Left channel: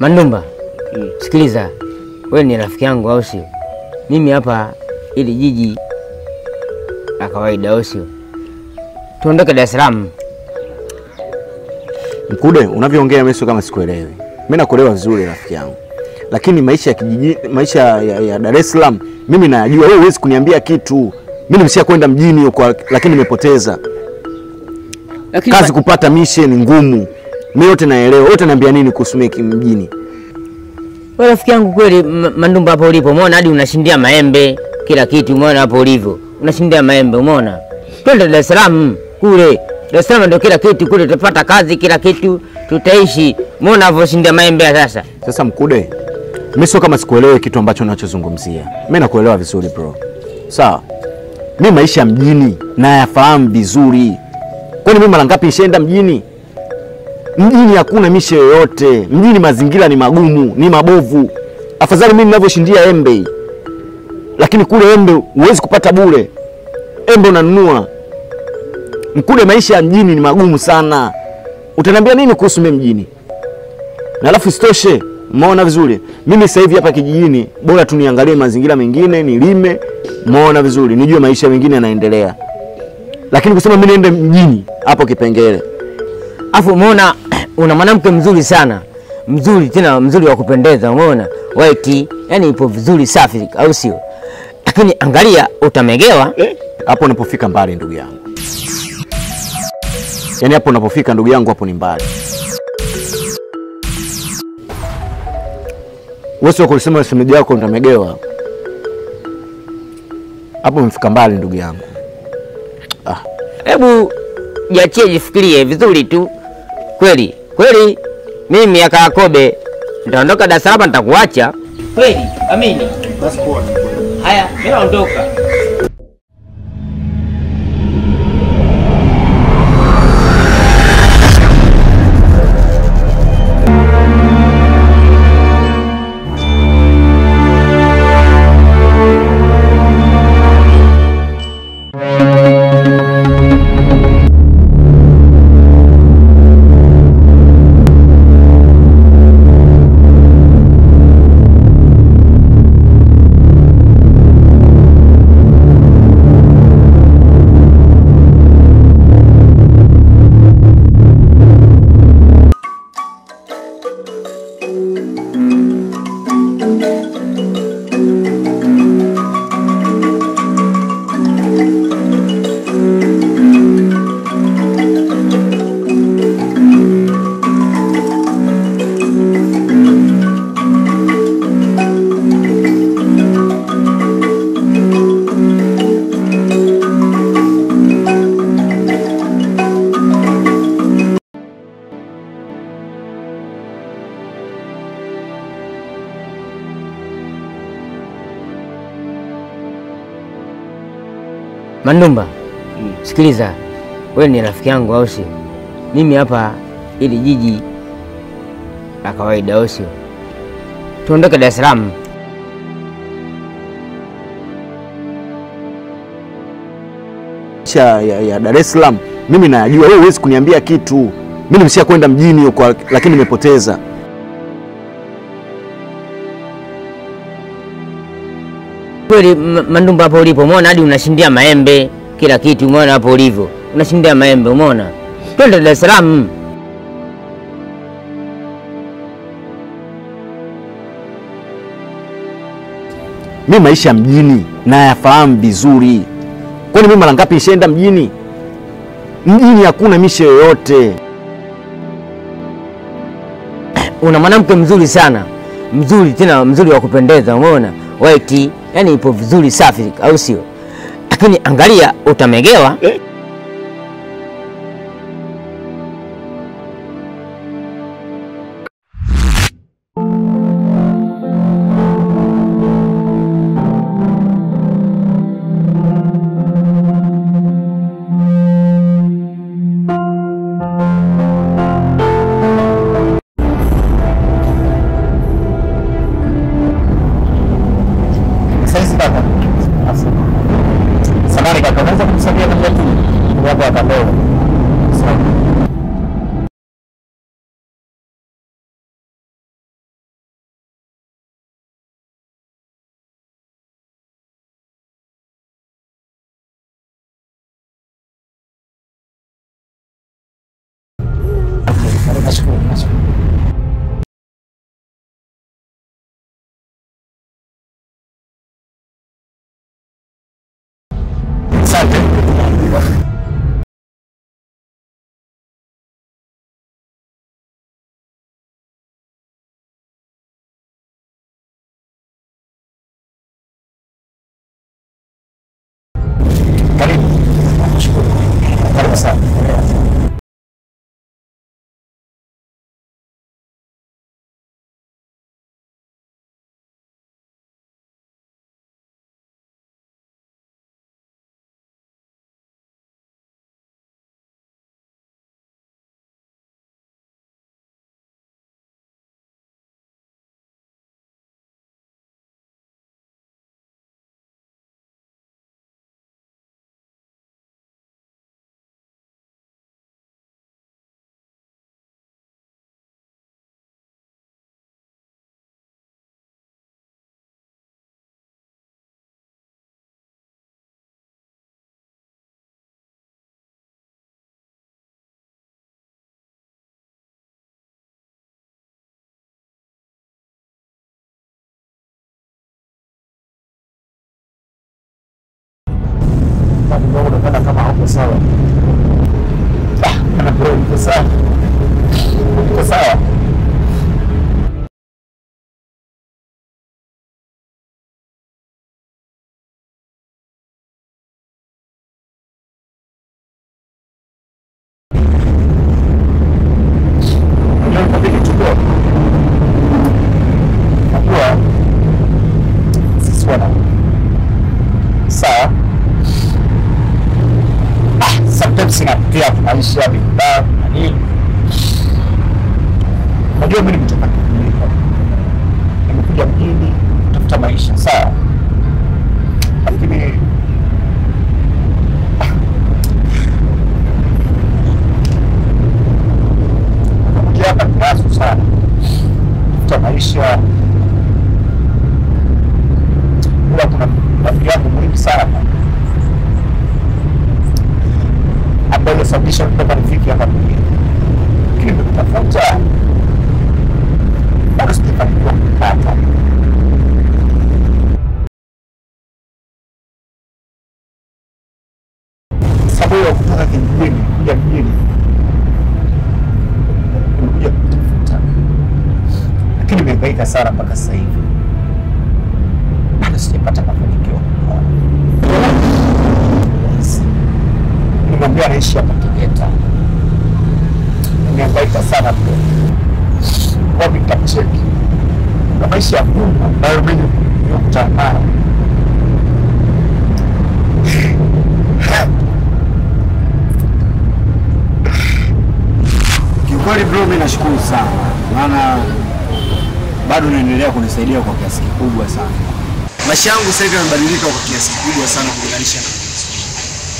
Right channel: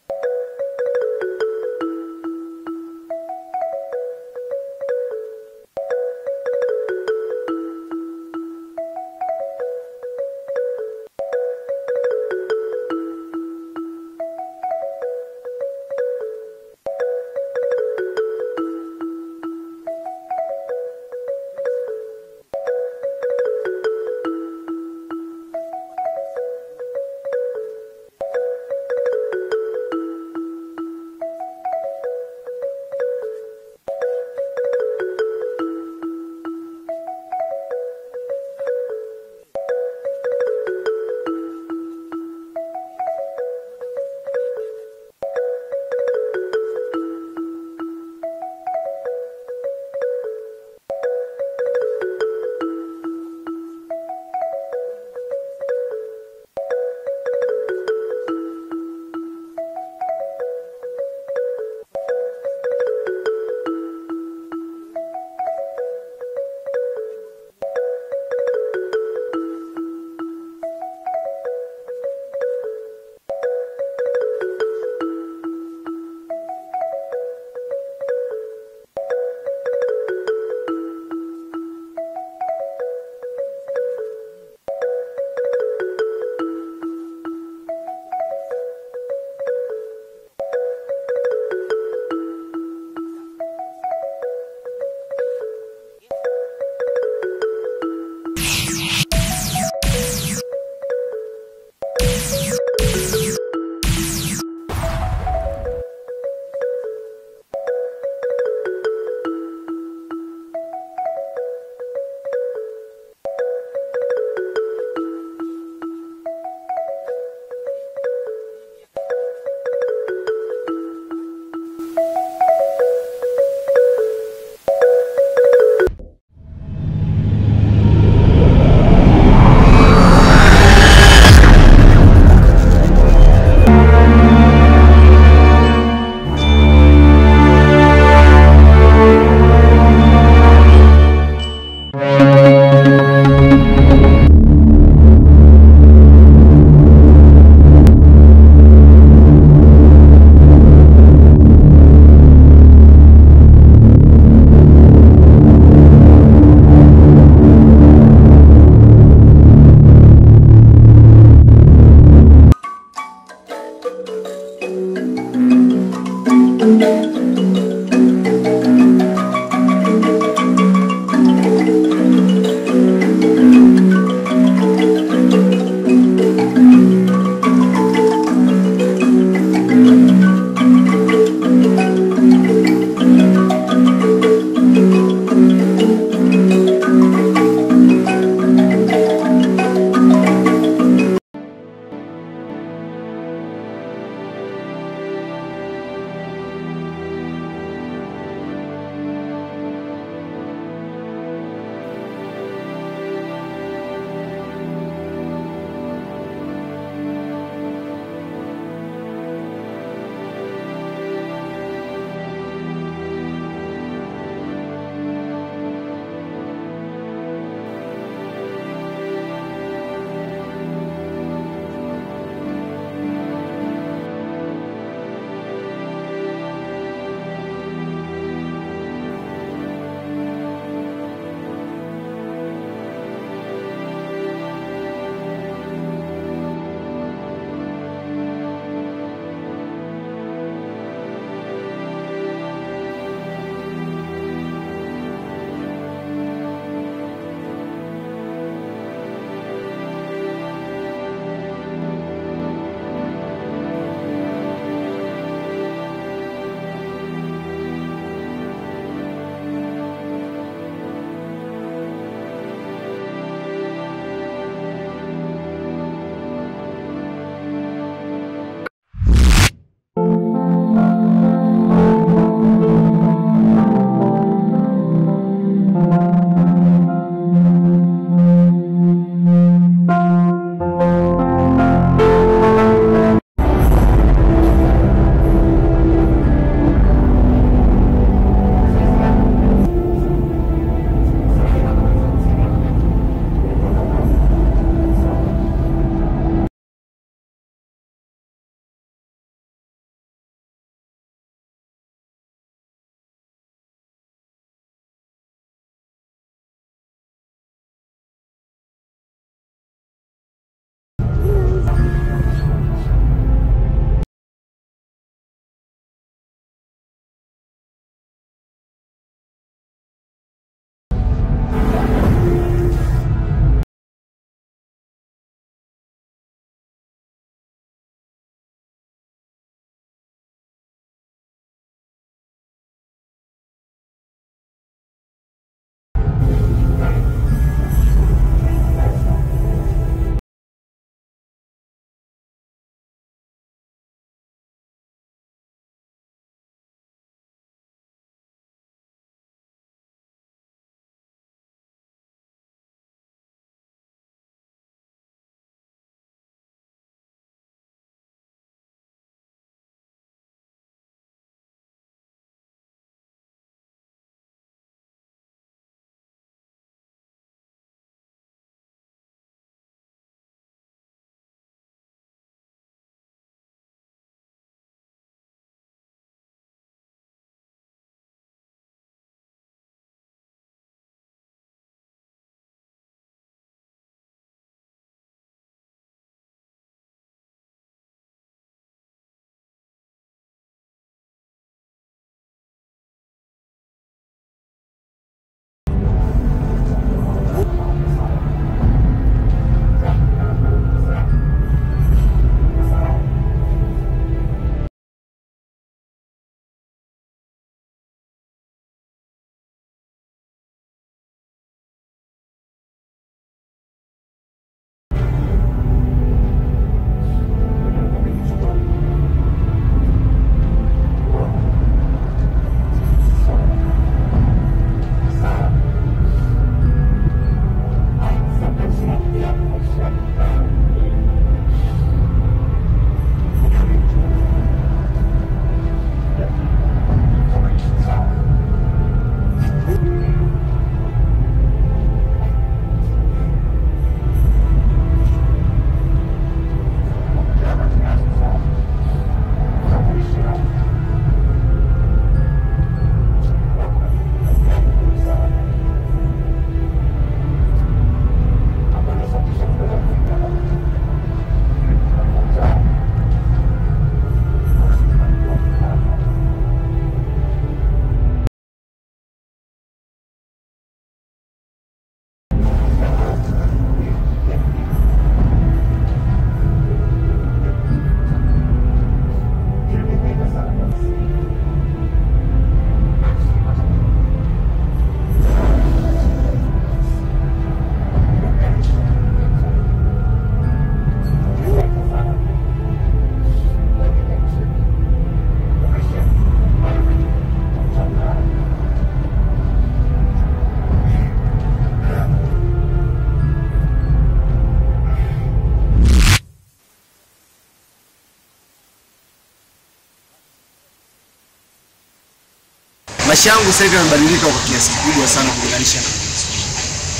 Mandumba, sikiliza. Wewe ni rafiki yangu au sio? Mimi hapa ili jiji la kawaida au sio? Tuondoke Dar es Salaam. Mkude, unavyoongea mimi sio kama sikuelewi. Mimi nakuelewa vizuri rafiki yangu. Lakini maisha ya kijiji, maisha ya Dar es Salaam mimi najua. Wewe huwezi kuniambia kitu. Mimi nimesha kwenda mjini huko lakini nimepoteza. Kazi kupata mission ngumu. Mimi yote naelewa. Wote naambia nini kuhusu mjini? Wewe rafiki yangu kweli Mandumba hapo ulipo. Umeona hadi unashindia maembe kila kitu, umeona hapo ulivyo. Unashindia maembe, umeona? Twende Dar es Salaam kule. Dar es Salaam ndio kila kitu kule, tutapata kazi kila kitu, tutaishi. Umeona hapo shindia maembe sasa. Sasa Mkude, mimi sio kama sikuelewi kitu ambacho unachozungumzia. Mimi nakuelewa vizuri bro. Sawa. Mimi maisha mjini na yafahamu vizuri. Kwani mimi mara ngapi nishaenda mjini? Mjini hakuna mishe yoyote. Mjini mazingira ni magumu, ni mabovu. Afadhali mimi ninavyoshindia embe. Lakini kule embe huwezi kupata bure. Embe unanunua. Mkude, maisha ya mjini ni magumu sana. Utaniambia nini kuhusu mimi mjini? Na alafu sitoshe, umeona vizuri. Mimi sasa hivi hapa kijijini, bora tu niangalie mazingira mengine, nilime, umeona vizuri. Nijue maisha mengine yanaendelea. Lakini kusema mimi niende mjini, hapo kipengele. Afu umeona una mwanamke mzuri sana. Mzuri tena mzuri wa kupendeza, umeona? White, yani ipo vizuri safi au sio? Lakini angalia utamegewa. Hapo unapofika mbali ndugu yangu. Yaani hapo unapofika ndugu yangu hapo ni mbali. Wewe sio kusema shemeji yako utamegewa. Hapo umefika mbali ndugu yangu. Hebu jiachie jifikirie vizuri tu. Kweli, kweli mimi aka Yakobe nitaondoka Dar es Salaam nitakuacha. Kweli, amini. Basi poa. Haya, mimi naondoka. Mandumba, sikiliza. Wewe ni rafiki yangu au sio? Mimi hapa ili jiji la kawaida au sio? Tuondoke Dar es Salaam. Ya Dar es Salaam mimi najua. Wewe huwezi kuniambia kitu. Mimi nimesha kwenda mjini huko lakini nimepoteza. Kweli Mandumba hapo ulipo, umeona hadi unashindia maembe kila kitu, umeona hapo ulivyo. Unashindia maembe, umeona? Twende Dar es Salaam. Mimi maisha mjini na yafahamu vizuri. Kwani mimi mara ngapi nishaenda mjini? Mjini hakuna mishe yoyote. Una mwanamke mzuri sana. Mzuri tena mzuri wa kupendeza, umeona? White, yani ipo vizuri safi au sio? Lakini angalia utamegewa. Samahani kaka, unaweza kumsaidia mmoja tu? Hapo akandoo. kidogo napenda kama hapo sawa. Kana bro iko sawa. Iko sawa. Sinapitia maisha ya binadamu na nini. Najua mimi nimetoka nimekuja mjini kutafuta maisha sawa. Lakini hapa kiasi sana kutafuta maisha. Kuna rafiki yangu muhimu sana ambayo sababisha kutoka rafiki hapa mjini. Lakini nimetafuta bado sijafanikiwa kupata. Sababu ya kutoka kijijini kuja mjini nimekuja kutafuta, lakini nimehangaika sana mpaka sasa hivi bado sijapata mafanikio. Nimwambia anaishi hapa Tegeta. Nimehangaika sana pia. Wapi nitacheki? Na maisha ya Mungu ambayo mimi nimekutana nayo. Kiukweli bro, mimi nashukuru sana. Maana bado unaendelea kunisaidia kwa kiasi kikubwa sana. Maisha yangu sasa hivi yamebadilika kwa kiasi kikubwa sana kulinganisha na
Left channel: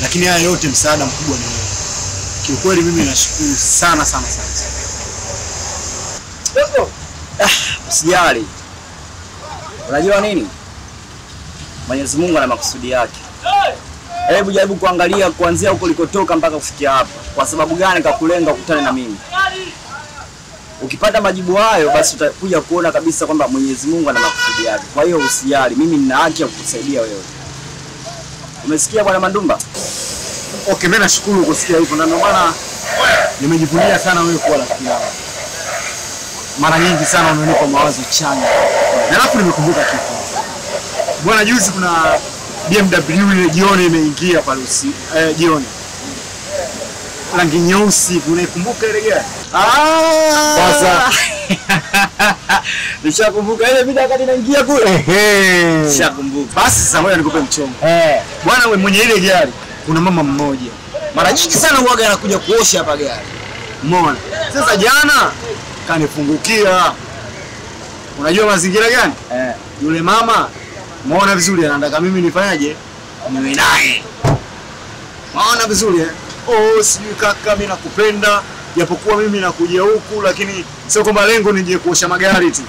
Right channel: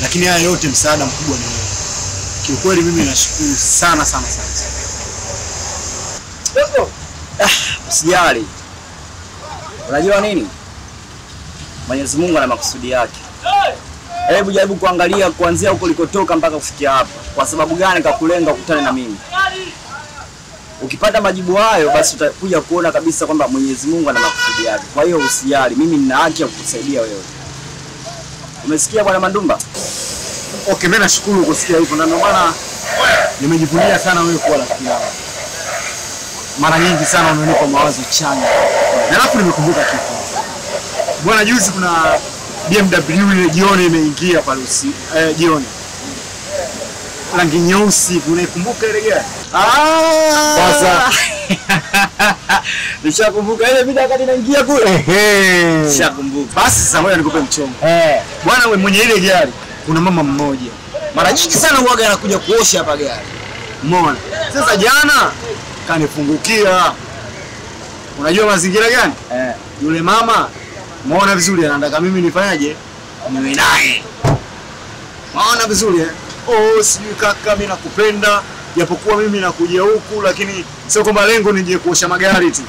lakini haya yote msaada mkubwa ni wewe. Kiukweli mimi nashukuru sana sana sana. Usijali. Unajua nini? Mwenyezi Mungu ana makusudi yake. Hebu jaribu kuangalia kuanzia huko ulikotoka mpaka kufikia hapa. Kwa sababu gani kakulenga ukutane na mimi? Ukipata majibu hayo basi utakuja kuona kabisa kwamba Mwenyezi Mungu ana makusudi yake. Kwa hiyo usijali, mimi nina haki ya kukusaidia wewe. Umesikia bwana Mandumba? Okay, mimi nashukuru kusikia hivyo na ndio maana nimejivunia sana wewe kuwa rafiki yangu. Mara nyingi sana unanipa mawazo chanya. Na alafu nimekumbuka kitu. Bwana, juzi kuna BMW ile jioni imeingia pale jioni. Rangi nyeusi, unaikumbuka ile gari? Sasa nishakumbuka ile video wakati inaingia kule. Nishakumbuka. Basi sasa ngoja nikupe mchongo. Bwana, wewe mwenye ile gari kuna mama mmoja. Mara nyingi sana huaga anakuja kuosha hapa gari. Umeona? Sasa jana kanifungukia. Unajua mazingira gani? Yule mama muona vizuri anataka mimi nifanyaje? Niwe naye. Muona vizuri eh? Oh, sijui kaka, mimi nakupenda. Japokuwa mimi nakuja huku lakini sio kwamba lengo nije kuosha magari tu.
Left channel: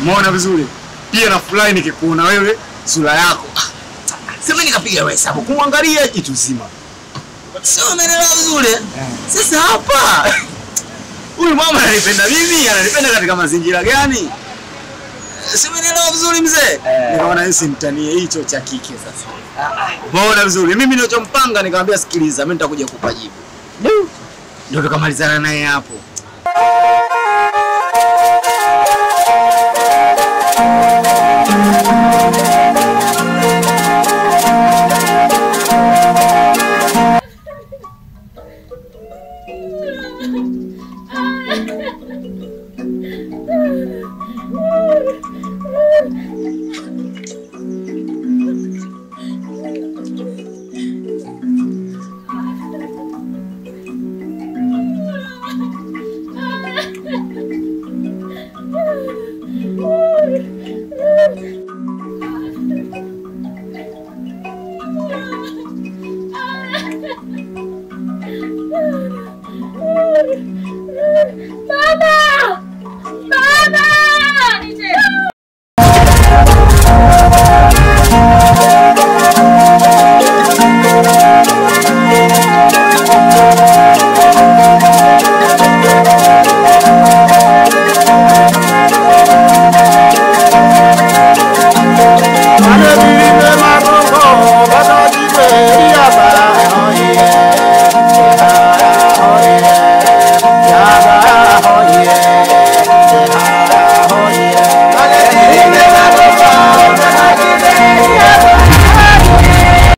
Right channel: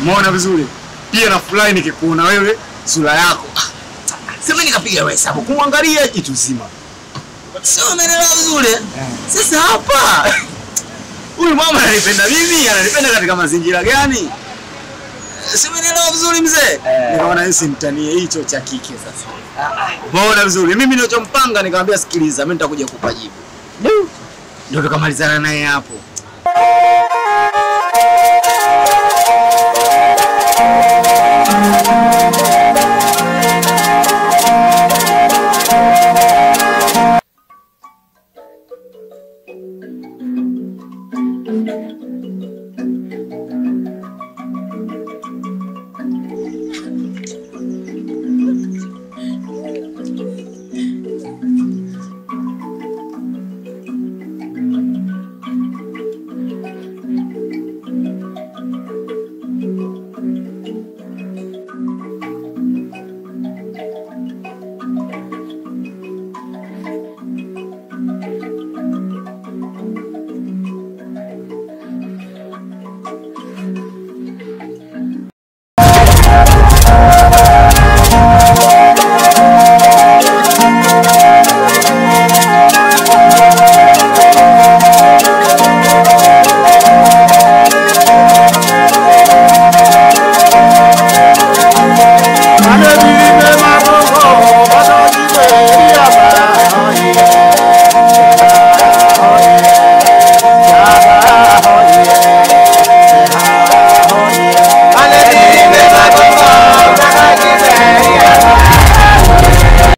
Muona vizuri. Pia na fly nikikuona wewe sura yako. Sema nikapiga hesabu kumwangalia kitu zima. Sio umeelewa vizuri? Sasa hapa huyu mama ananipenda mimi, ananipenda katika mazingira gani? Sio umeelewa vizuri mzee? Nikaona hisi mtanie hicho cha kike sasa. Umeona vizuri? Mimi nilichompanga nikamwambia sikiliza, mimi nitakuja kukupa jibu. Ndio tukamalizana naye hapo.